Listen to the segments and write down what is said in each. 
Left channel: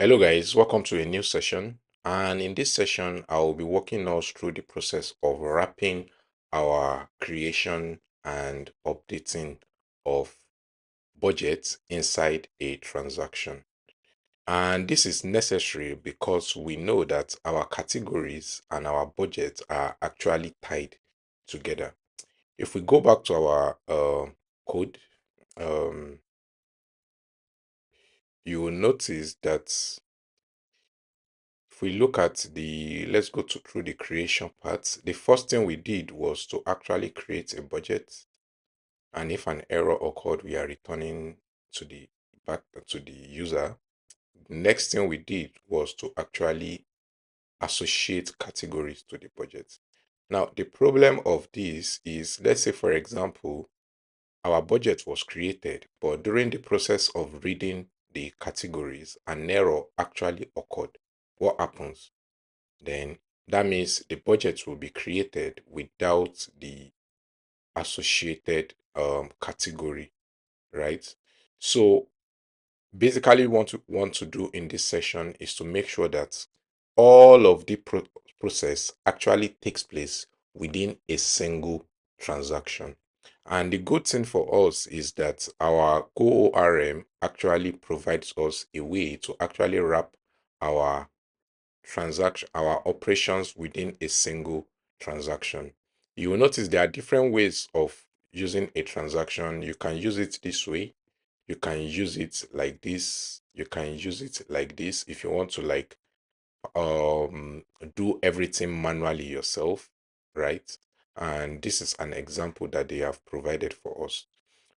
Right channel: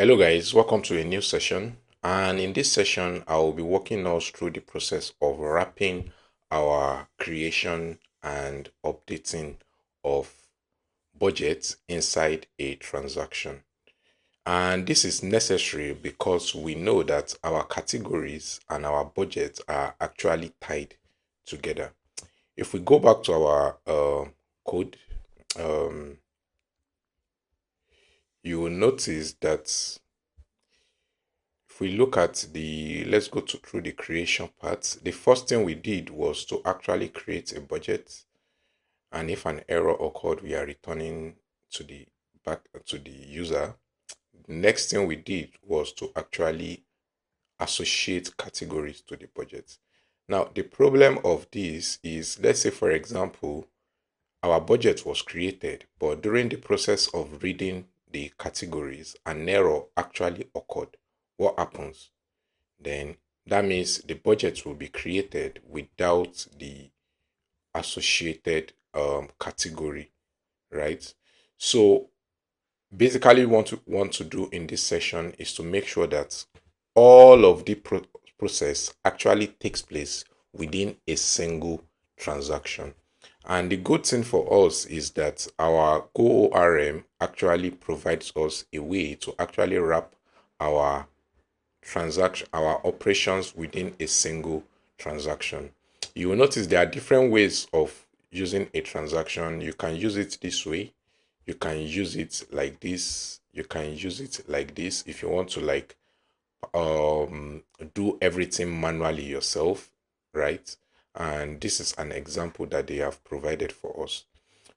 Hello guys, welcome to a new session. And in this session, I will be walking us through the process of wrapping our creation and updating of budgets inside a transaction. And this is necessary because we know that our categories and our budgets are actually tied together. If we go back to our code, um, you will notice that if we look at let's go through the creation part. The first thing we did was to actually create a budget, and if an error occurred, we are returning to the back to the user. The next thing we did was to actually associate categories to the budget. Now, the problem of this is, let's say, for example, our budget was created, but during the process of reading the categories, an error actually occurred. What happens? Then that means the budget will be created without the associated category, right? So basically want to do in this session is to make sure that all of the process actually takes place within a single transaction. And the good thing for us is that our GORM actually provides us a way to actually wrap our our operations within a single transaction. You will notice there are different ways of using a transaction. You can use it this way, you can use it like this, you can use it like this if you want to like do everything manually yourself, right? And this is an example that they have provided for us.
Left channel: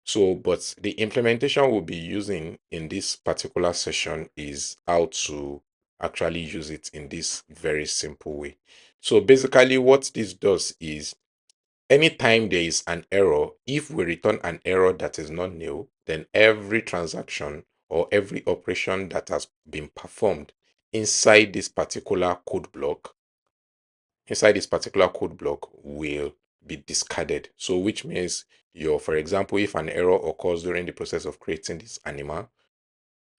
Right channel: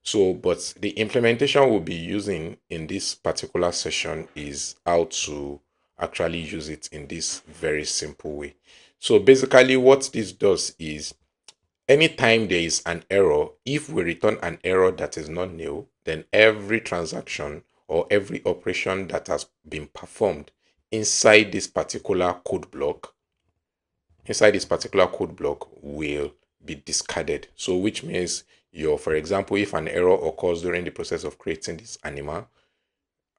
So, but the implementation we'll be using in this particular session is how to actually use it in this very simple way. So basically what this does is anytime there is an error, if we return an error that is not new, then every transaction or every operation that has been performed inside this particular code block, will be discarded. So which means for example, if an error occurs during the process of creating this animal,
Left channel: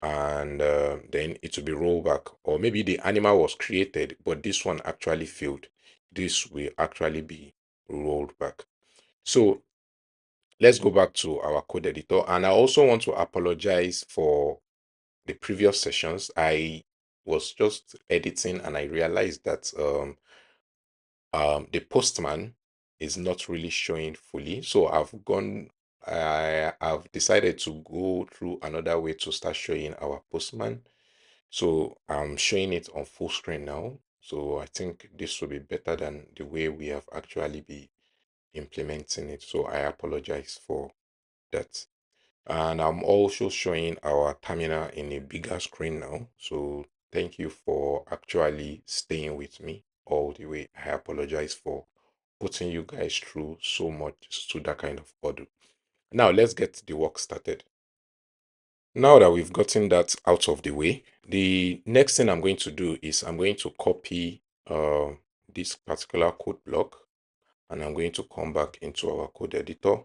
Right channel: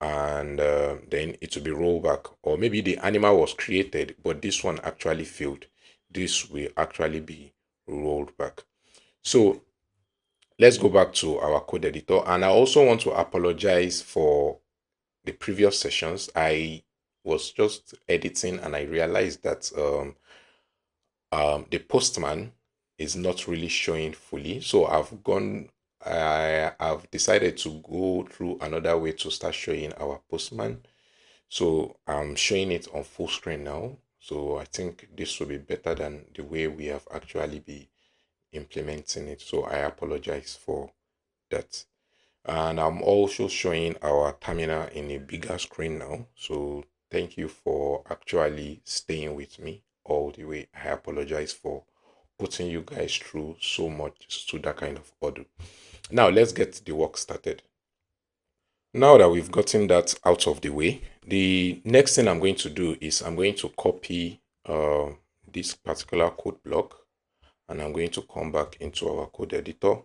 and then it will be rolled back, or maybe the animal was created but this one actually failed, this will actually be rolled back. So let's go back to our code editor, and I also want to apologize for the previous sessions. I was just editing and I realized that the postman is not really showing fully. So I've decided to go through another way to start showing our postman. So I'm showing it on full screen now. So I think this will be better than the way we have actually been implementing it. So I apologize for that. And I'm also showing our terminal in a bigger screen now. So thank you for actually staying with me all the way. I apologize for putting you guys through so much to that kind of order. Now let's get the work started. Now that we've gotten that out of the way, the next thing I'm going to do is I'm going to copy this particular code block, and I'm going to come back into our code editor.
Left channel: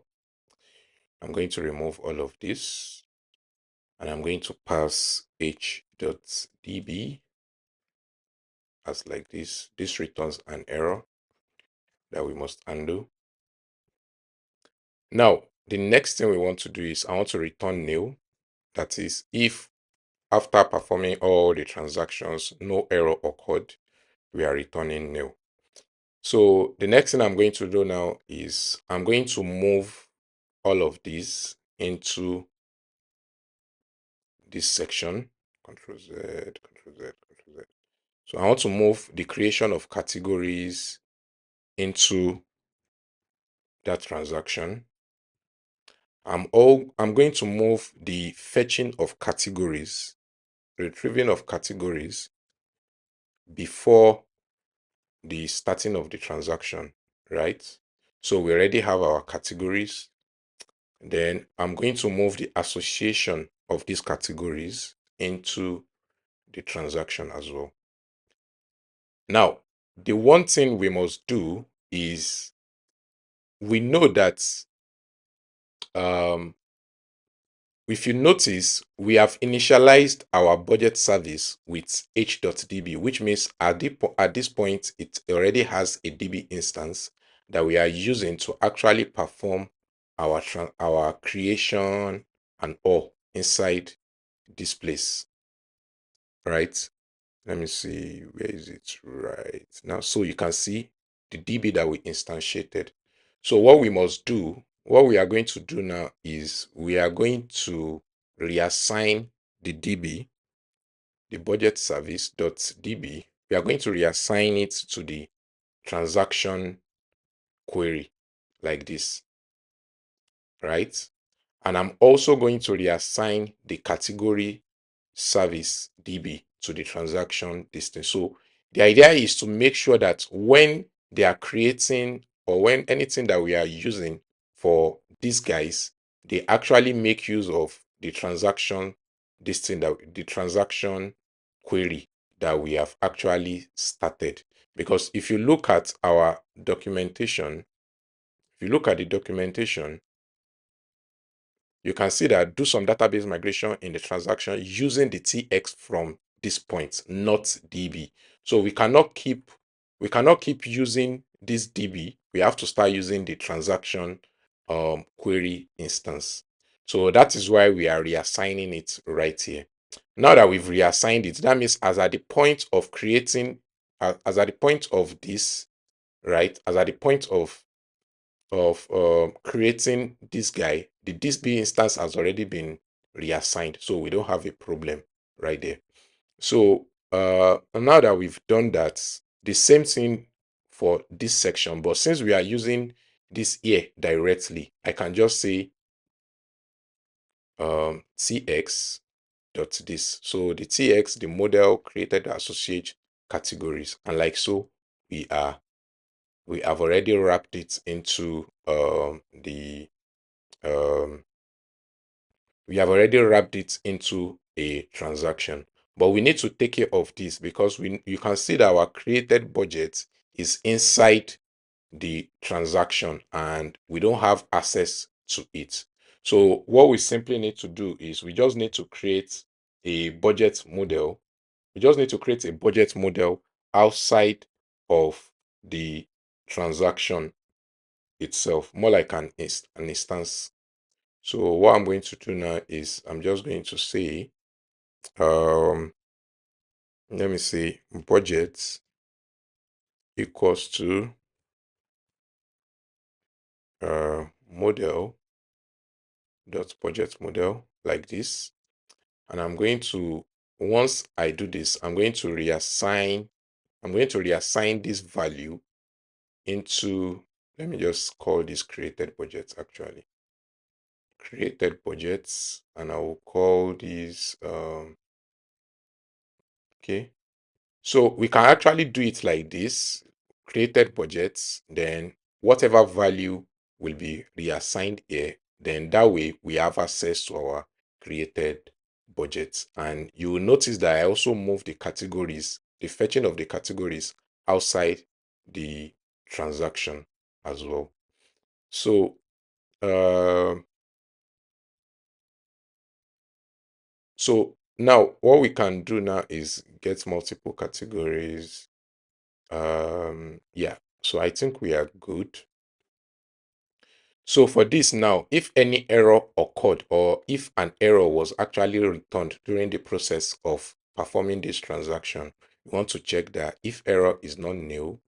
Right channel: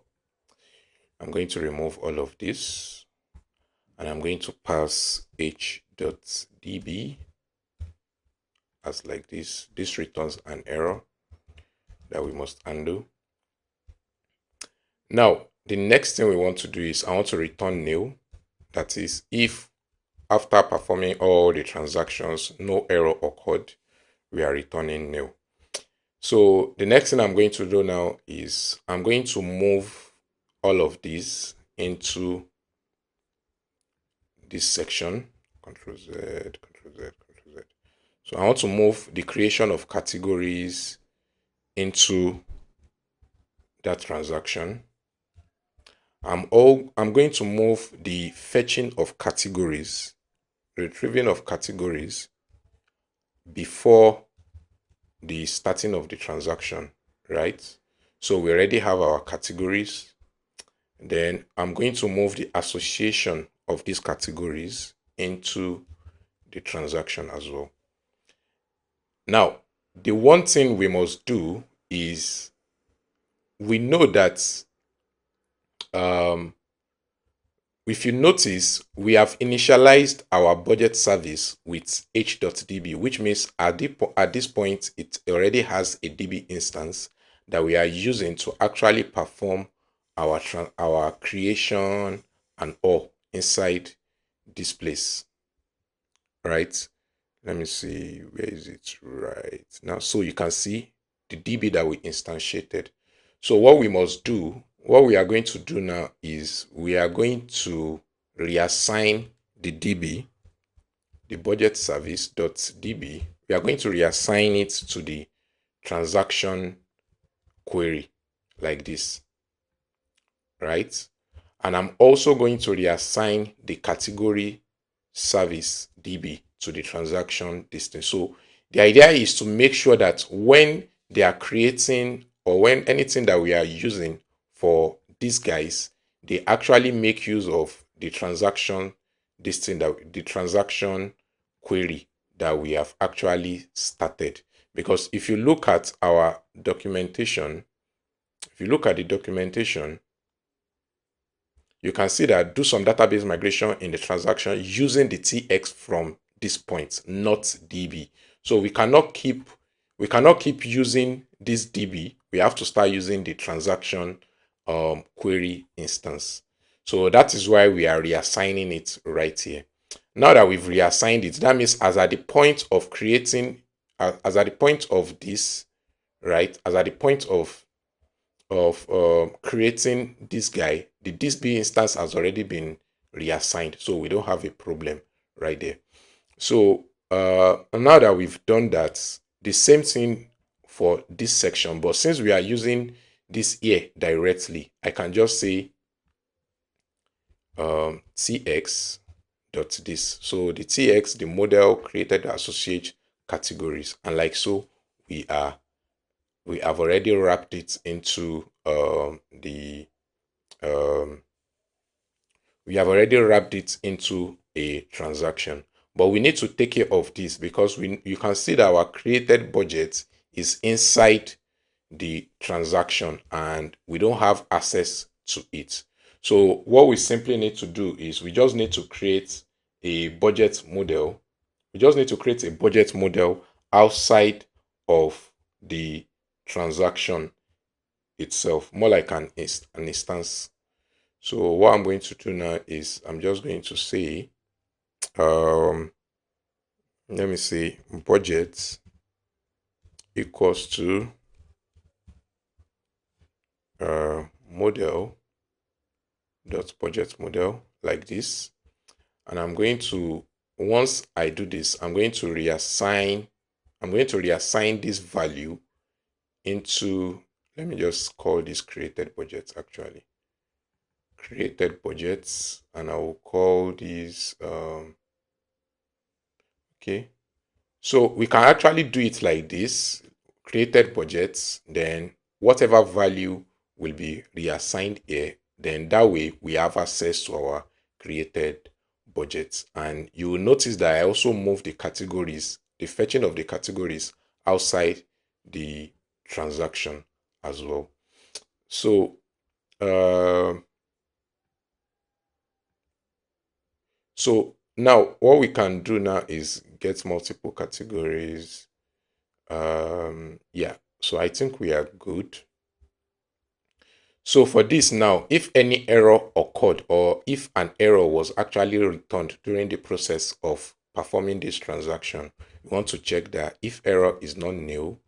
I'm going to remove all of this, and I'm going to pass h.db as like this. This returns an error that we must undo. Now, the next thing we want to do is I want to return nil. That is, if after performing all the transactions, no error occurred, we are returning nil. So the next thing I'm going to do now is I'm going to move all of these into this section. Control Z, Control Z, Control Z. So I want to move the creation of categories into that transaction. I'm going to move the fetching of categories, retrieving of categories before the starting of the transaction, right? So we already have our categories. Then I'm going to move the association of these categories into the transaction as well. Now, the one thing we must do is we know that um, if you notice, we have initialized our budget service with h.db, which means at this point, it already has a DB instance that we are using to actually perform our creation and all inside this place, right? Let me see, where is it right now? So you can see the DB that we instantiated. So what we are going to do now is we are going to reassign the DB, the budget service dot DB. We are going to reassign it to the transaction query like this, right? And I'm also going to reassign the category service DB to the transaction distance. So the idea is to make sure that when they are creating or when anything that we are using for these guys, they actually make use of the transaction the transaction query that we have actually started. Because if you look at our documentation, if you look at the documentation, you can see that do some database migration in the transaction using the TX from this point, not DB. So we cannot keep using this DB. We have to start using the transaction query instance. So that is why we are reassigning it right here. Now that we've reassigned it, that means as at the point of creating, as at the point of this, right, as at the point of creating this guy, the DB instance has already been reassigned, so we don't have a problem right there. So now that we've done that, the same thing for this section, but since we are using this here directly, I can just say tx dot this. So the tx, the model created associate categories, and like so, we have already wrapped it into the um, we have already wrapped it into a transaction, but we need to take care of this because you can see that our created budget is inside the transaction and we don't have access to it. So what we simply need to do is we just need to create a budget model. We just need to create a budget model outside of the transaction itself, more like an instance. So what I'm going to do now is I'm just going to say, let me see, budget equals to model dot budget model like this. And I'm going to, once I do this, I'm going to reassign this value into, let me just call this created budget actually. Created budgets, and I will call these, okay. So we can actually do it like this, created budgets, then whatever value will be reassigned here, then that way we have access to our created budgets. And you will notice that I also move the categories, the fetching of the categories outside the transaction as well. So, uh, so now what we can do now is get multiple categories. Yeah, so I think we are good. So for this now, if any error occurred or if an error was actually returned during the process of performing this transaction, we want to check that if error is not nil,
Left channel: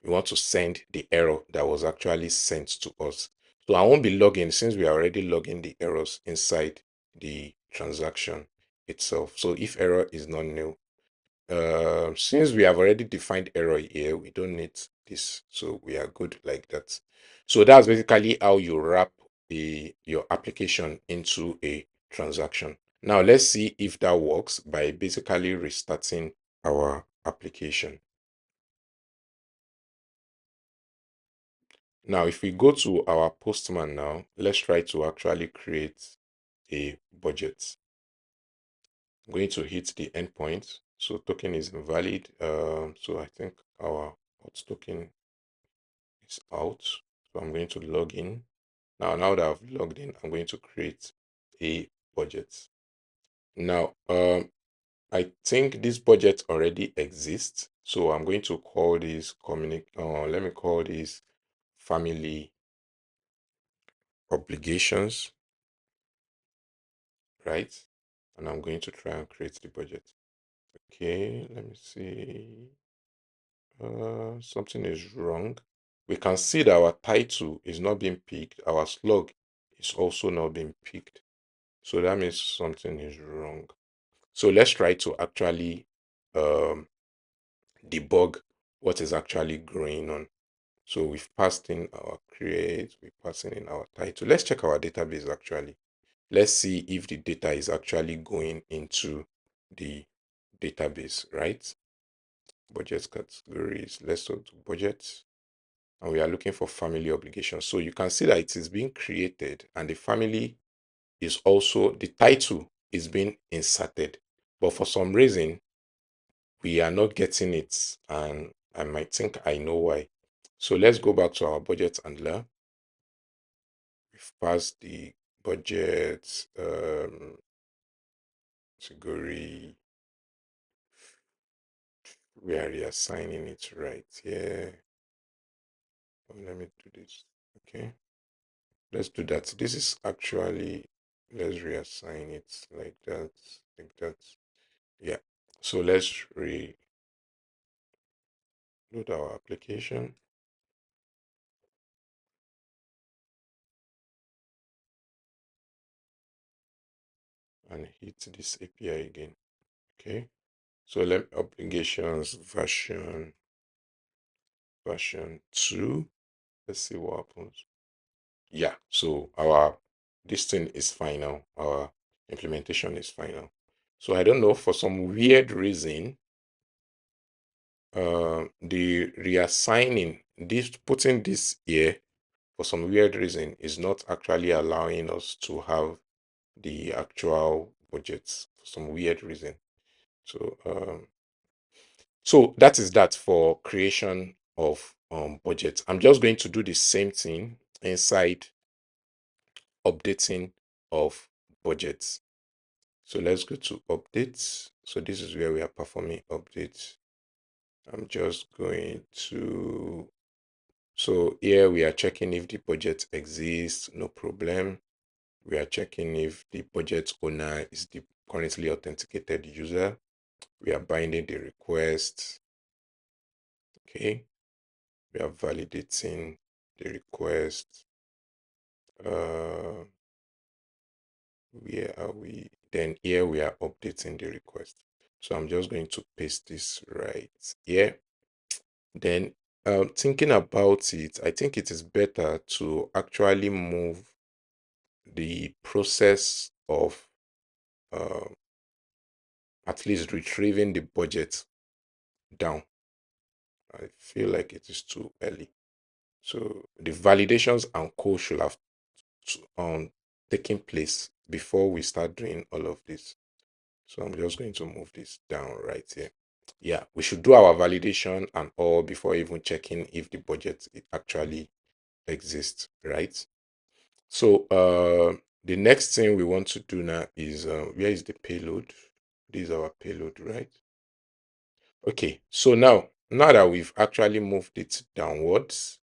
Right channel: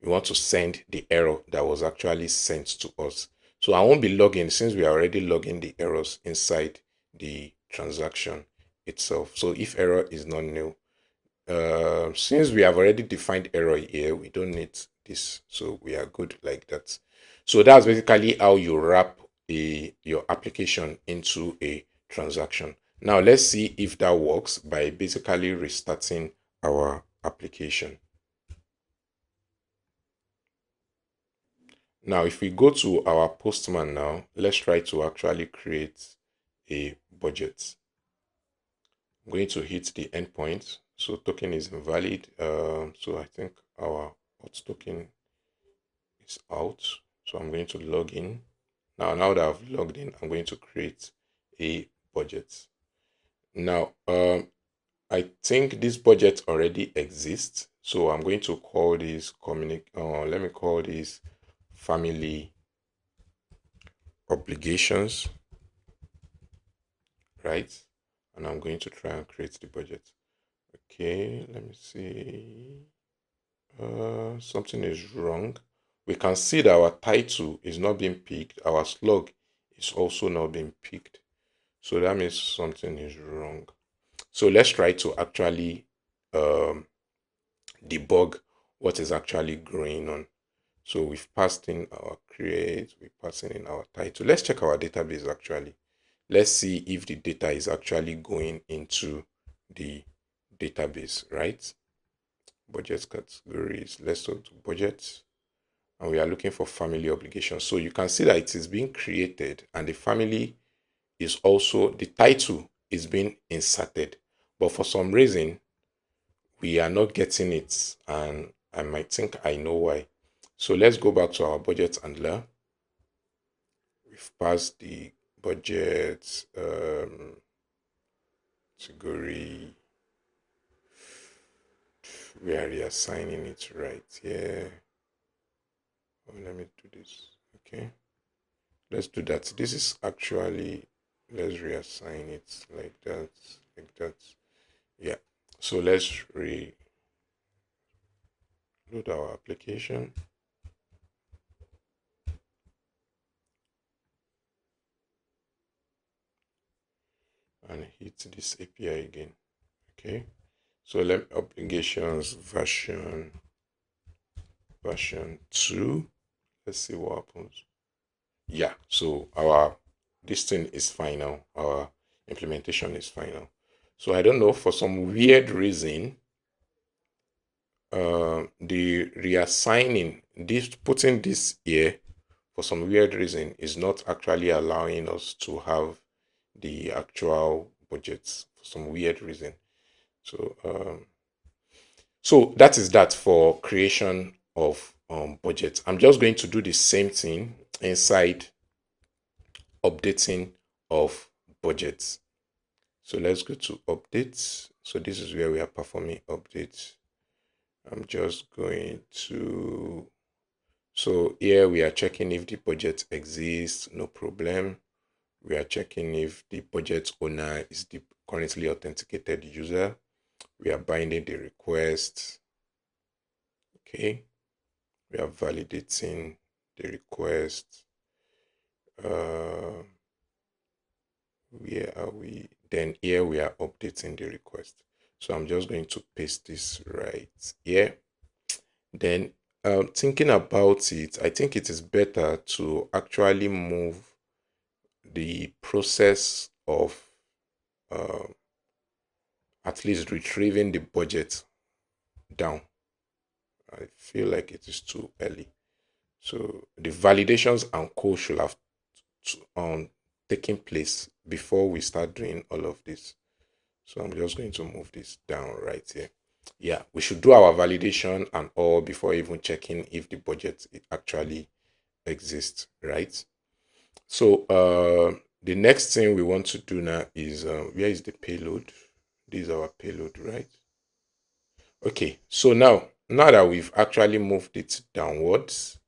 we want to send the error that was actually sent to us. So I won't be logging since we are already logging the errors inside the transaction itself. So if error is not nil, since we have already defined error here, we don't need this, so we are good like that. So that's basically how you wrap your application into a transaction. Now let's see if that works by basically restarting our application. Now if we go to our postman now, let's try to actually create a budget. I'm going to hit the endpoint. So token is invalid. So I think our hot token is out. So I'm going to log in. Now that I've logged in, I'm going to create a budget. Now, I think this budget already exists. So I'm going to call this let me call this family obligations, right? And I'm going to try and create the budget. Okay, let me see. Something is wrong. We can see that our title is not being picked. Our slug is also not being picked. So that means something is wrong. So let's try to actually um, debug what is actually going on. So we've passed in our create, we're passing in our title. Let's check our database actually. Let's see if the data is actually going into the database, right? Budget categories. Let's go to budget. And we are looking for family obligations. So you can see that it is being created and the family is also, the title is being inserted. But for some reason, we are not getting it. And I might think I know why. So let's go back to our budget handler. We've passed the budget category. We are reassigning it right here. Oh, let me do this. Okay. Let's do that. This is actually, let's reassign it like that, like that. Yeah. So let's reload our application and hit this API again. Okay. So let applications version 2. Let's see what happens. Yeah. So our this thing is final. Our implementation is final. So I don't know, for some weird reason, the reassigning this, putting this here for some weird reason is not actually allowing us to have the actual budgets for some weird reason. So so that is that for creation of budgets. I'm just going to do the same thing inside updating of budgets. So let's go to updates. So this is where we are performing updates. I'm just going to, so here we are checking if the budget exists, no problem. We are checking if the budget owner is the currently authenticated user. We are binding the request. Okay. We are validating the request. Uh, where are we? Then here we are updating the request. So I'm just going to paste this right here. Then thinking about it, I think it is better to actually move the process of um, at least retrieving the budget down. I feel like it is too early. So the validations and co should have taken place before we start doing all of this. So I'm just going to move this down right here. Yeah, we should do our validation and all before even checking if the budget actually exists, right? So the next thing we want to do now is where is the payload? This is our payload, right? Okay, so now that we've actually moved it downwards,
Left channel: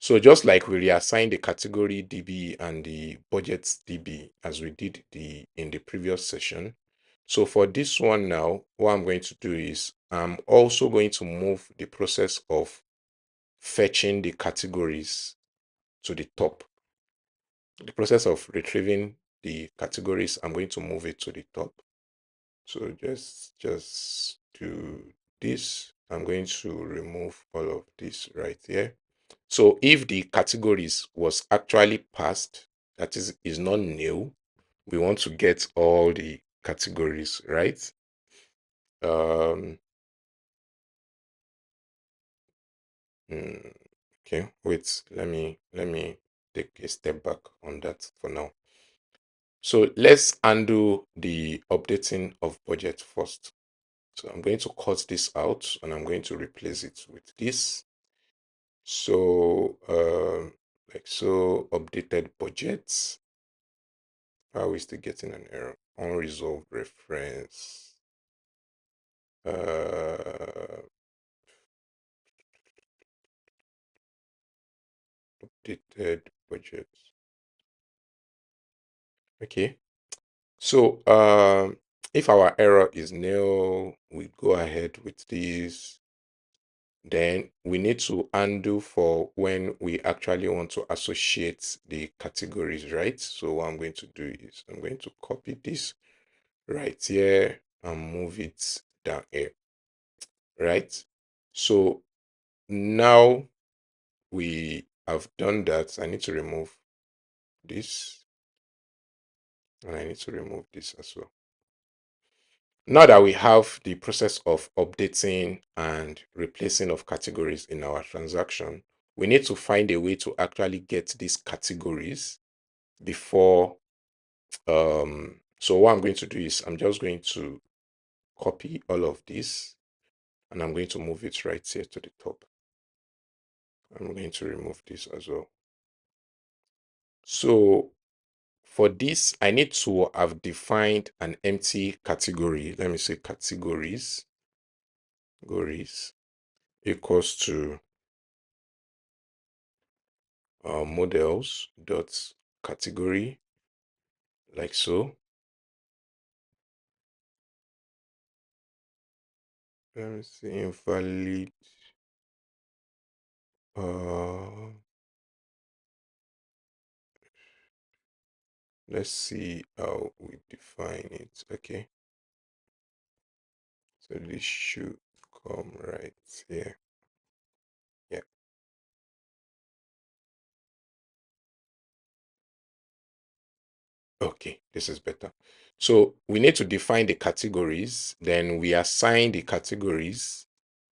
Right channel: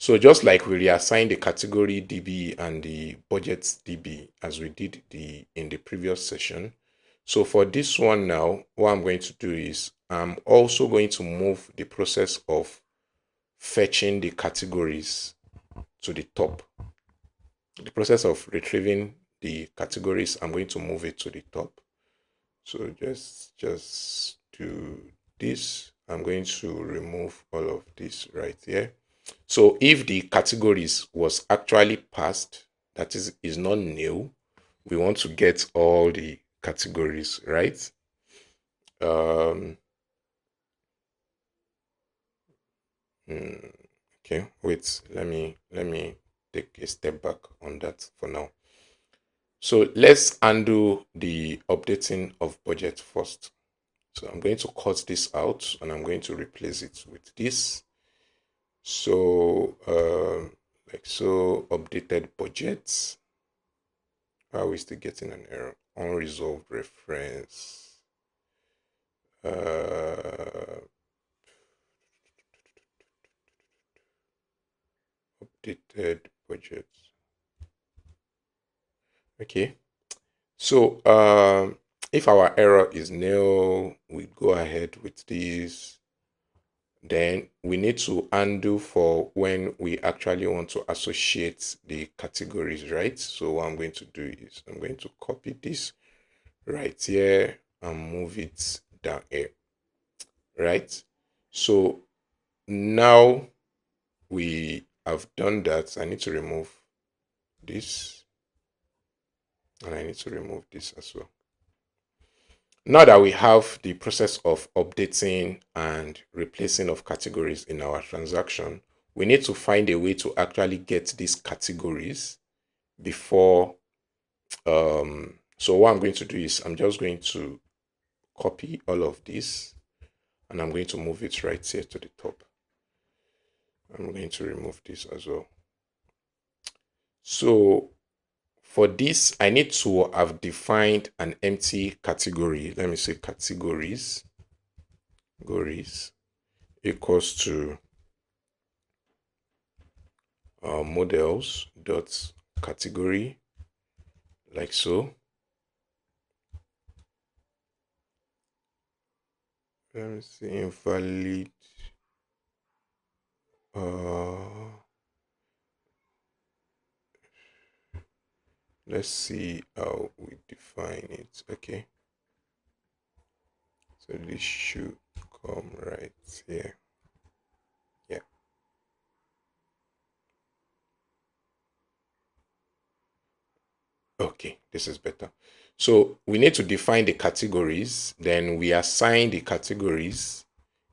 so just like we reassigned the category DB and the budget DB as we did in the previous session. So for this one now, what I'm going to do is I'm also going to move the process of fetching the categories to the top. The process of retrieving the categories, I'm going to move it to the top. So just do this. I'm going to remove all of this right here. So if the categories was actually passed, that is not new. We want to get all the categories, right? Um, okay, wait, let me take a step back on that for now. So let's undo the updating of budget first. So I'm going to cut this out and I'm going to replace it with this. So like so updated budgets. Why are we still getting an error? Unresolved reference. Updated budget. Okay. So if our error is nil, we go ahead with this. Then we need to undo for when we actually want to associate the categories, right? So what I'm going to do is I'm going to copy this right here and move it down here, right? So now we have done that. I need to remove this, and I need to remove this as well. Now that we have the process of updating and replacing of categories in our transaction, we need to find a way to actually get these categories before. So what I'm going to do is I'm just going to copy all of this and I'm going to move it right here to the top. I'm going to remove this as well. So for this, I need to have defined an empty category. Let me say categories equals to models dot category, like so. Let me see, invalid. Let's see how we define it. Okay, so this should come right here. Yeah. Okay, this is better. So we need to define the categories. Then we assign the categories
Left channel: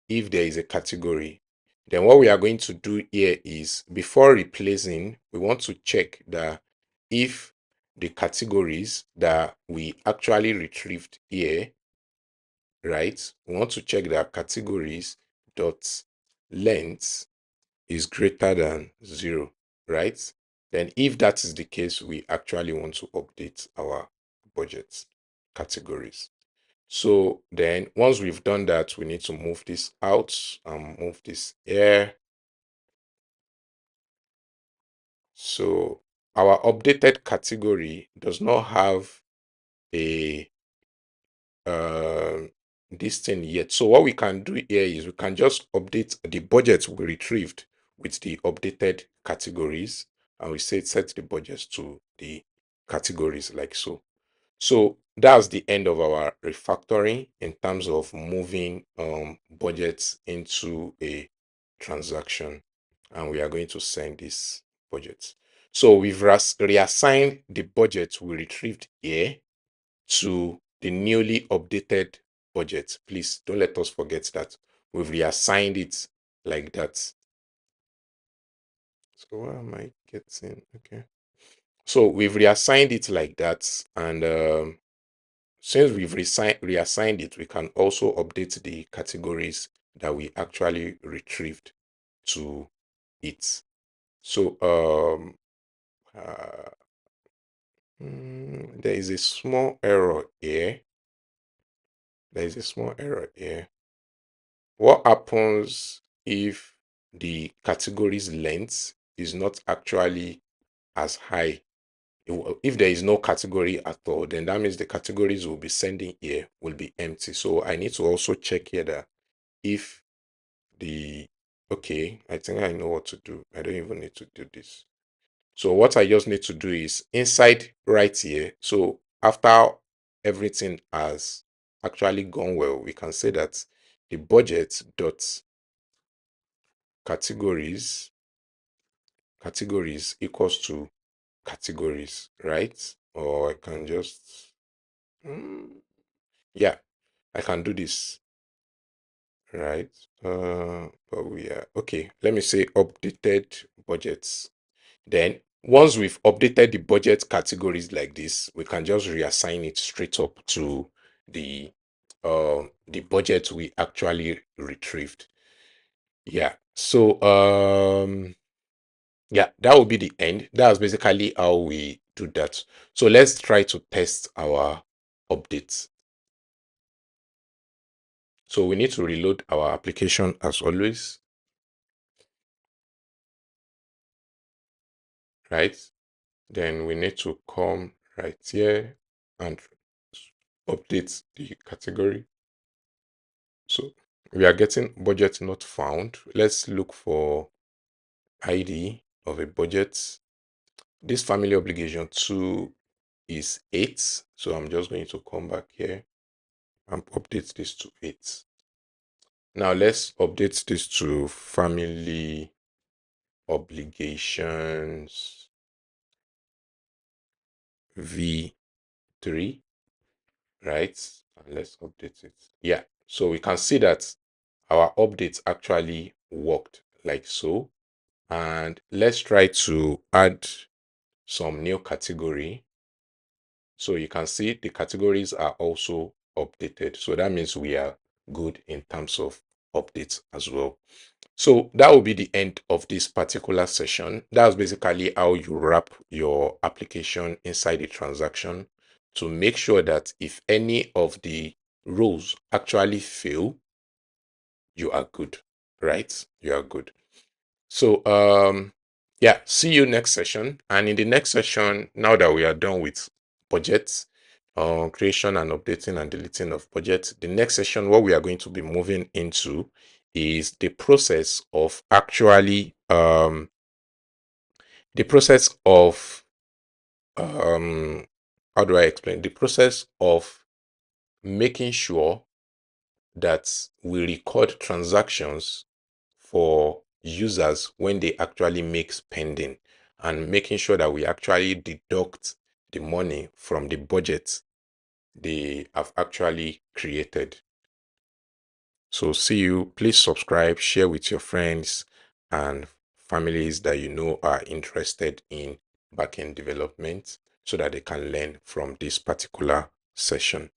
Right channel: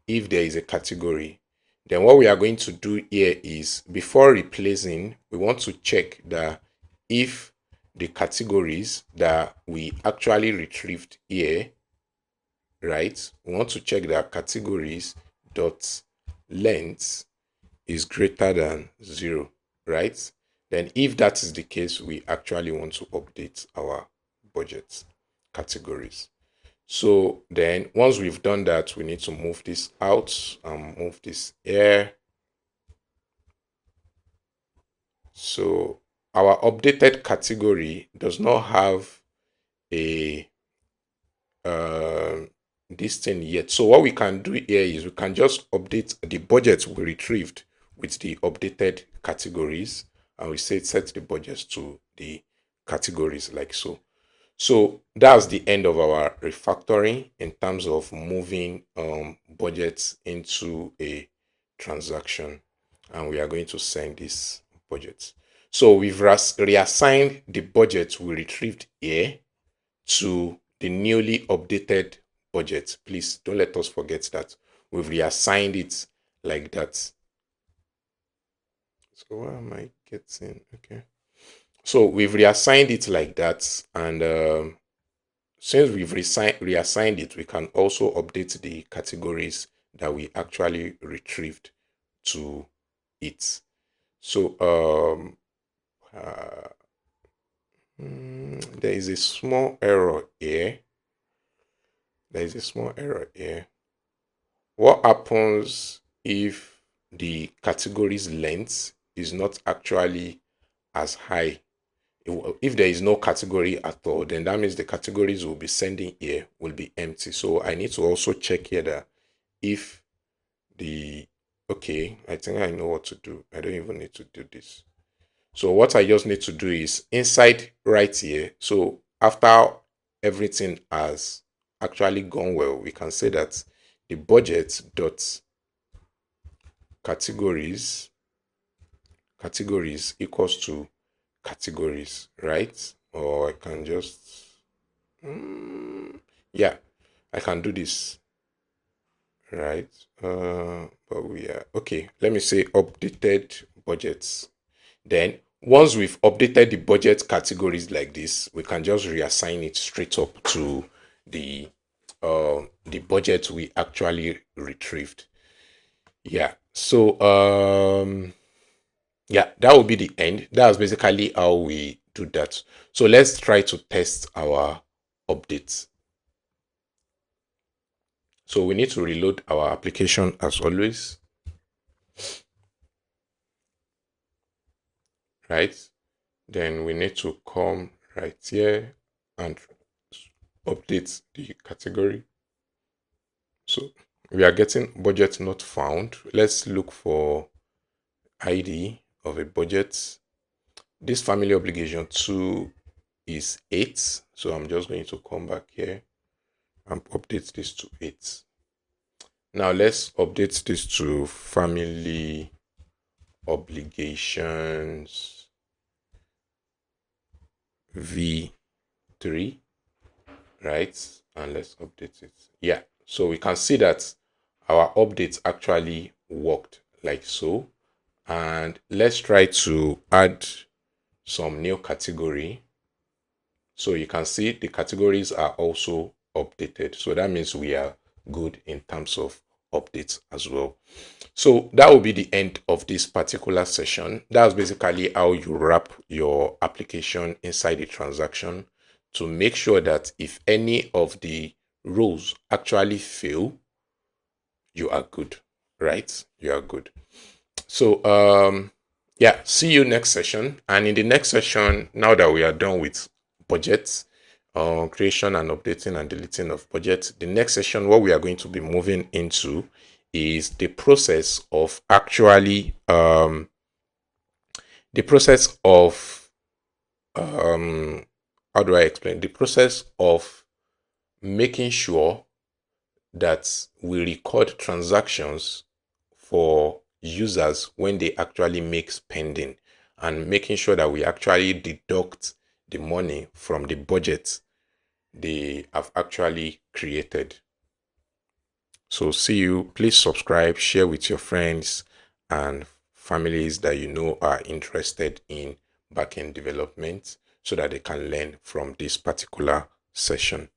if there is a category. Then what we are going to do here is before replacing, we want to check that if the categories that we actually retrieved here, right? We want to check that categories dot length is greater than 0, right? Then if that is the case, we actually want to update our budget categories. So then once we've done that, we need to move this out and move this here. So our updated category does not have a this thing yet. So what we can do here is we can just update the budget we retrieved with the updated categories, and we say set the budgets to the categories like so. So that's the end of our refactoring in terms of moving budgets into a transaction, and we are going to send this budget. So we've reassigned the budget we retrieved here to the newly updated budget. Please don't let us forget that we've reassigned it like that. So what am I getting? Okay. So we've reassigned it like that, and since we've reassigned it, we can also update the categories that we actually retrieved to it. So there is a small error here. There is a small error here. What happens if the category's length is not actually as high? If there is no category at all, then that means the categories we'll be sending here will be empty. So I need to also check here that if the, okay, I think I know what to do. I don't even need to do this. So what I just need to do is inside right here. So after everything has actually gone well, we can say that the budget dot categories equals to categories, right? Or I can just yeah, I can do this, right? But we are okay. Let me say updated budgets. Then once we've updated the budget categories like this, we can just reassign it straight up to the budget we actually retrieved. Yeah. So yeah, that will be the end. That's basically how we do that. So let's try to test our updates. So we need to reload our application as always, right? Then we need to come right here and update the category. So we are getting budget not found. Let's look for ID of a budget. This family obligation 2 is 8. So I'm just going to come back here and update this to 8. Now let's update this to family obligations V3, right? And let's update it. Yeah, so we can see that our updates actually worked like so. And let's try to add some new category. So you can see the categories are also updated. So that means we are good in terms of updates as well. So that will be the end of this particular session. That's basically how you wrap your application inside the transaction to make sure that if any of the rows actually fail, you are good, right? You are good. So yeah, see you next session. And in the next session, now that we are done with budgets, creation and updating and deleting of budgets, the next session, what we are going to be moving into is the process of actually the process of how do I explain? The process of making sure that we record transactions for users when they actually make spending, and making sure that we actually deduct the money from the budget they have actually created. So see you. Please subscribe, share with your friends and families that you know are interested in backend development so that they can learn from this particular session.